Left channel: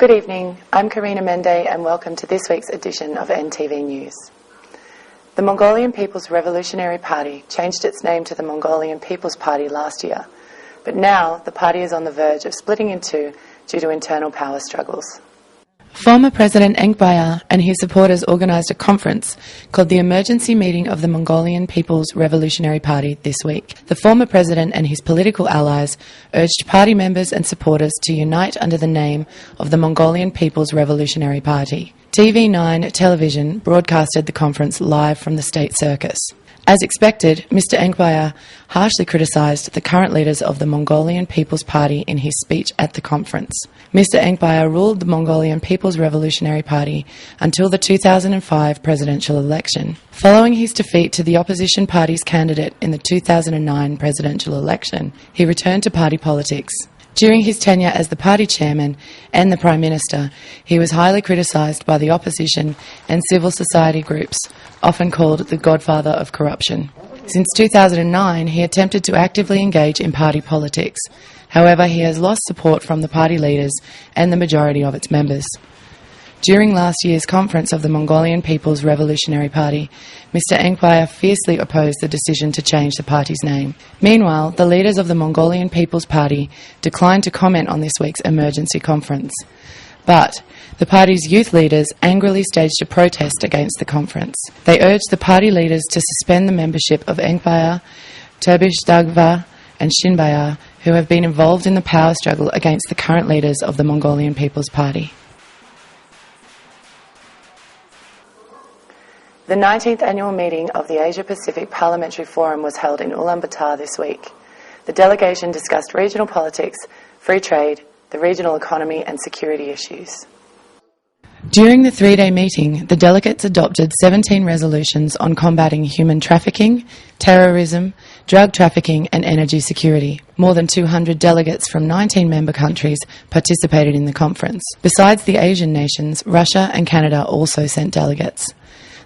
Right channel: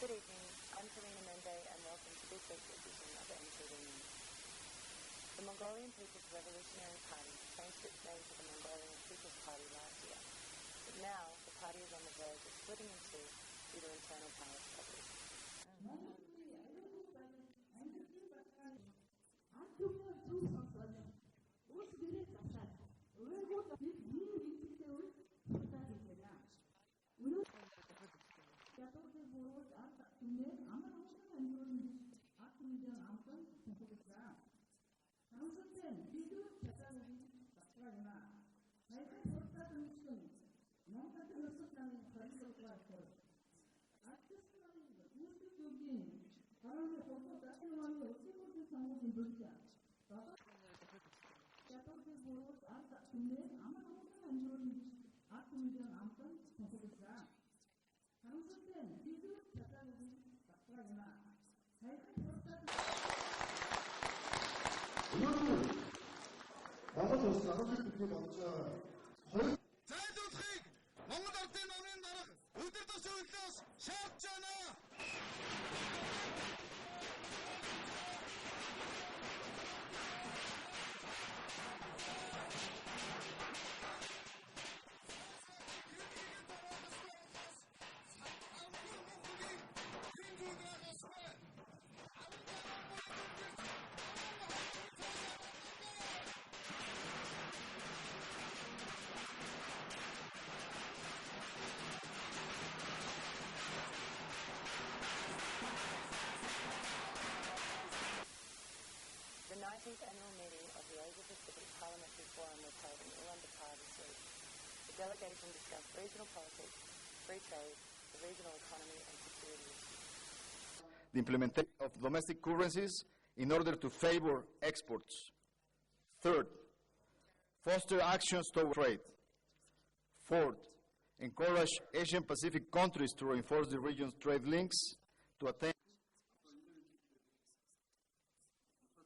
Good evening, I'm Karina Mende and welcome to this week's edition of NTV News. The Mongolian People's Revolutionary Party changed its name to the Mongolian People's Party last year, but now the party is on the verge of splitting in two due to internal power struggles. Former President Enkhbayar and his supporters organised a conference called the Emergency Meeting of the Mongolian People's Revolutionary Party this week. The former president and his political allies urged party members and supporters to unite under the name of the Mongolian People's Revolutionary Party. TV9 television broadcasted the conference live from the state circus. As expected, Mr. Enkhbayar harshly criticised the current leaders of the Mongolian People's Party in his speech at the conference. Mr. Enkhbayar ruled the Mongolian People's Revolutionary Party until the 2005 presidential election. Following his defeat to the opposition party's candidate in the 2009 presidential election, he returned to party politics. During his tenure as the party chairman and the Prime Minister, he was highly criticised by the opposition and civil society groups, often called the godfather of corruption. Since 2009, he attempted to actively engage in party politics. However, he has lost support from the party leaders and the majority of its members. During last year's conference of the Mongolian People's Revolutionary Party, Mr. Enkhbayar fiercely opposed the decision to change the party's name. Meanwhile, the leaders of the Mongolian People's Party declined to comment on this week's emergency conference. But the party's youth leaders angrily staged a protest against the conference. They urged the party leaders to suspend the membership of Enkhbayar, Turbishdagva and Shinbayar, who have been involved in the power struggle against the current leaders of the Mongolian People's Party. The 19th annual meeting of the Asia-Pacific Parliamentary Forum was held in Ulaanbaatar this week. The delegation discussed regional politics, free trade, the regional economy and security issues. During the three-day meeting, the delegates adopted 17 resolutions on combating human trafficking, terrorism, drug trafficking and energy security. More than 200 delegates from 19 member countries participated in the conference. Besides the Asian nations, Russia and Canada also sent delegates.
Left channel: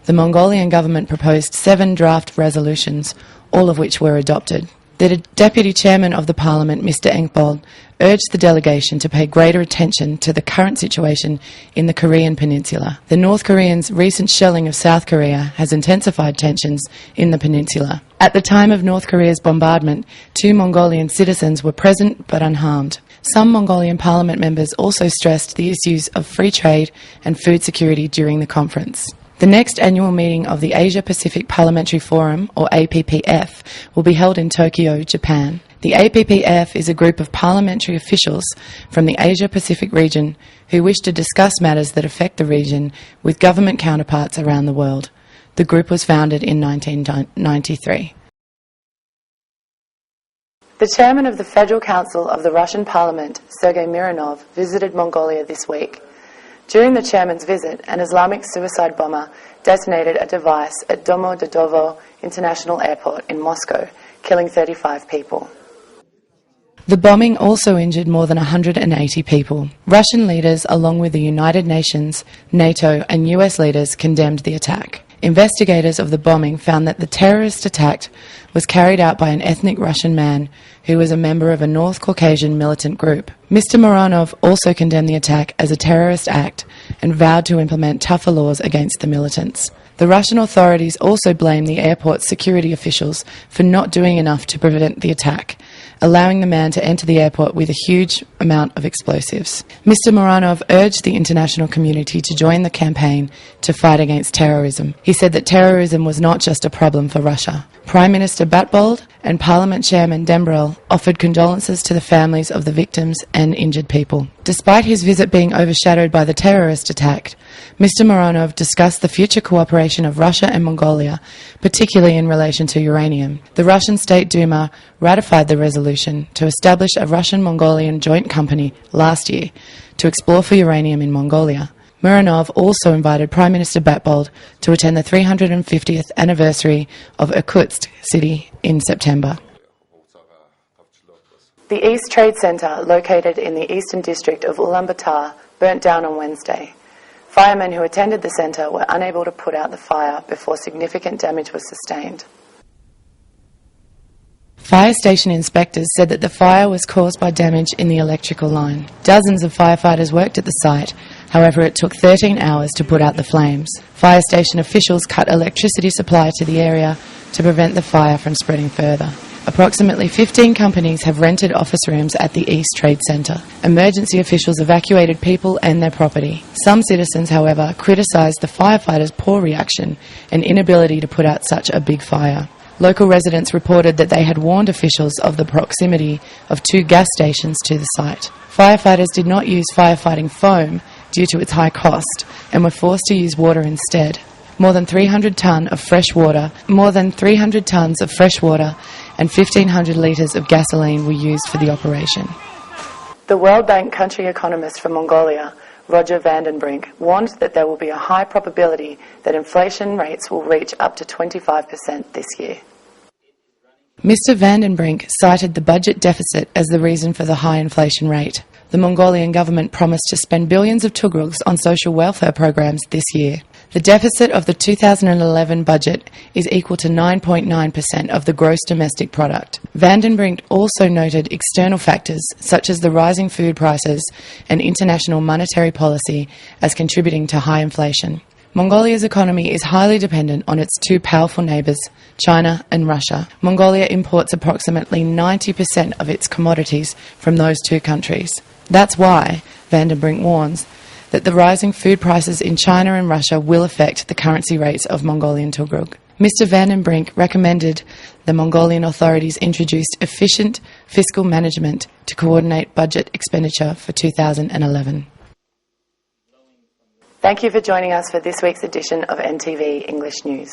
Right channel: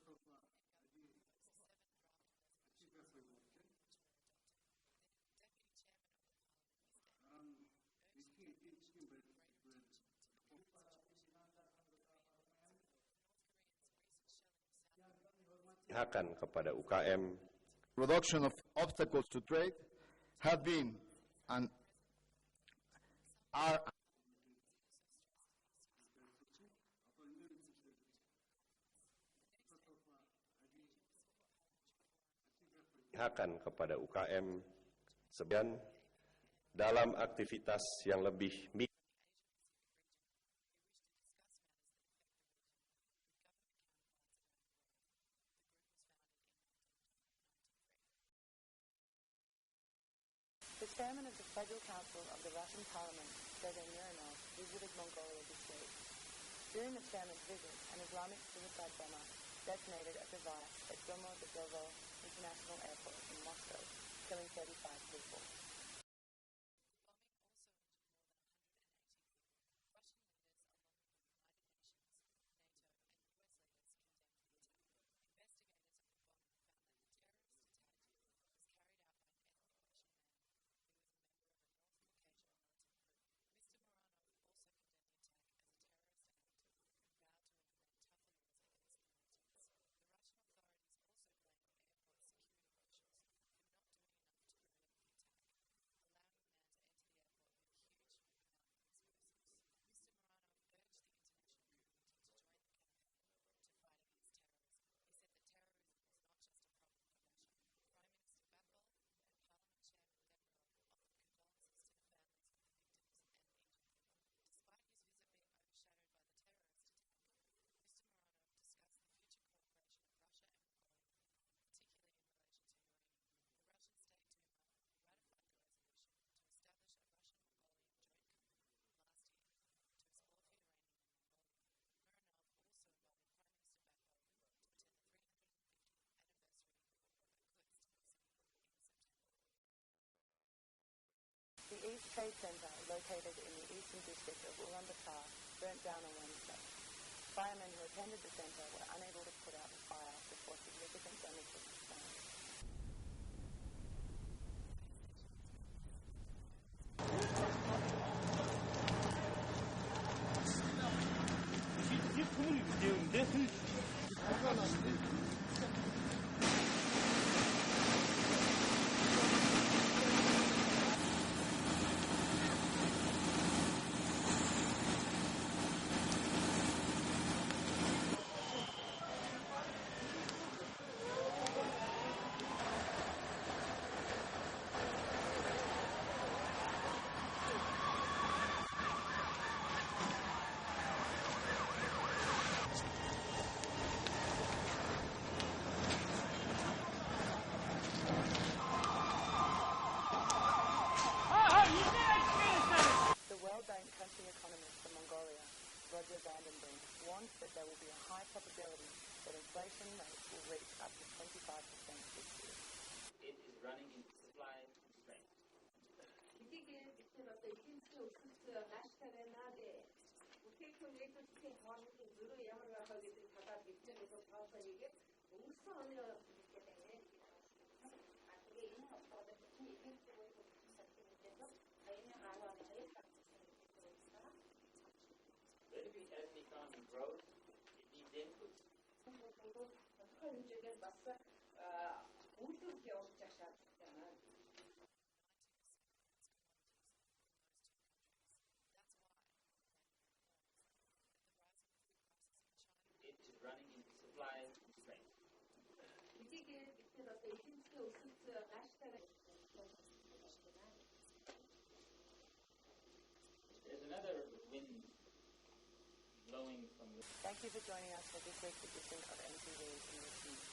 The Mongolian government proposed 7 draft resolutions, all of which were adopted. The Deputy Chairman of the Parliament, Mr. Enkhbayar, urged the delegation to pay greater attention to the current situation in the Korean peninsula. The North Koreans' recent shelling of South Korea has intensified tensions in the peninsula. At the time of North Korea's bombardment, 2 Mongolian citizens were present but unharmed. Some Mongolian Parliament members also stressed the issues of free trade and food security during the conference. The next annual meeting of the Asia-Pacific Parliamentary Forum, or APPF, will be held in Tokyo, Japan. The APPF is a group of parliamentary officials from the Asia-Pacific region who wish to discuss matters that affect the region with government counterparts around the world. The group was founded in 1993. The chairman of the Federal Council of the Russian Parliament, Sergei Mironov, visited Mongolia this week. During the chairman's visit, an Islamic suicide bomber detonated a device at Domodedovo International Airport in Moscow, killing 35 people. The bombing also injured more than 180 people. Russian leaders, along with the United Nations, NATO and US leaders, condemned the attack. Investigators of the bombing found that the terrorist attack was carried out by an ethnic Russian man who was a member of a North Caucasian militant group. Mr. Mironov also condemned the attack as a terrorist act and vowed to implement tougher laws against the militants. The Russian authorities also blamed the airport's security officials for not doing enough to prevent the attack, allowing the man to enter the airport with a huge amount of explosives. Mr. Mironov urged the international community to join the campaign to fight against terrorism. He said that terrorism was not just a problem for Russia. Prime Minister Batbold and Parliament Chairman Dembrel offered condolences to the families of the victims and injured people. Despite his visit being overshadowed by the terrorist attack, Mr. Mironov discussed the future cooperation of Russia and Mongolia, particularly in relation to uranium. The Russian State Duma ratified the resolution to establish a Russian-Mongolian joint company last year to explore for uranium in Mongolia. Mironov also invited Prime Minister Batbold to attend the 350th anniversary of Irkutsk city in September. The East Trade Centre, located in the eastern district of Ulaanbaatar, burnt down on Wednesday. Firemen who attended the centre were unable to put out the fire before significant damage was sustained. Fire station inspectors said that the fire was caused by damage in the electrical line. Dozens of firefighters worked at the site. However, it took 13 hours to put out the flames. Fire station officials cut electricity supply to the area to prevent the fire from spreading further. Approximately 15 companies have rented office rooms at the East Trade Centre. Emergency officials evacuated people and their property. Some citizens, however, criticised the firefighters' poor reaction and inability to put out such a big fire. Local residents reported that they had warned officials of the proximity of 2 gas stations to the site. Firefighters did not use firefighting foam due to its high cost and were forced to use water instead. More than 300 tonnes of fresh water and 1,500 litres of gasoline were used for the operation. The World Bank country economist from Mongolia, Roger Vandenbrink, warned that there will be a high probability that inflation rates will reach up to 25% this year. Mr. Vandenbrink cited the budget deficit as the reason for the high inflation rate. The Mongolian government promised to spend billions of tugrils on social welfare programs this year. The deficit of the 2011 budget is equal to 9.9% of the gross domestic product. Vandenbrink also noted external factors such as the rising food prices and international monetary policy as contributing to high inflation. Mongolia's economy is highly dependent on its 2 powerful neighbours, China and Russia. Mongolia imports approximately 90% of its commodities from those 2 countries. That's why, Vandenbrink warns, that the rising food prices in China and Russia will affect the currency rates of Mongolian tugrul. Mr. Vandenbrink recommended the Mongolian authorities introduce efficient fiscal management to coordinate budget expenditure for 2011. Thank you for joining us for this week's edition of NTV English News.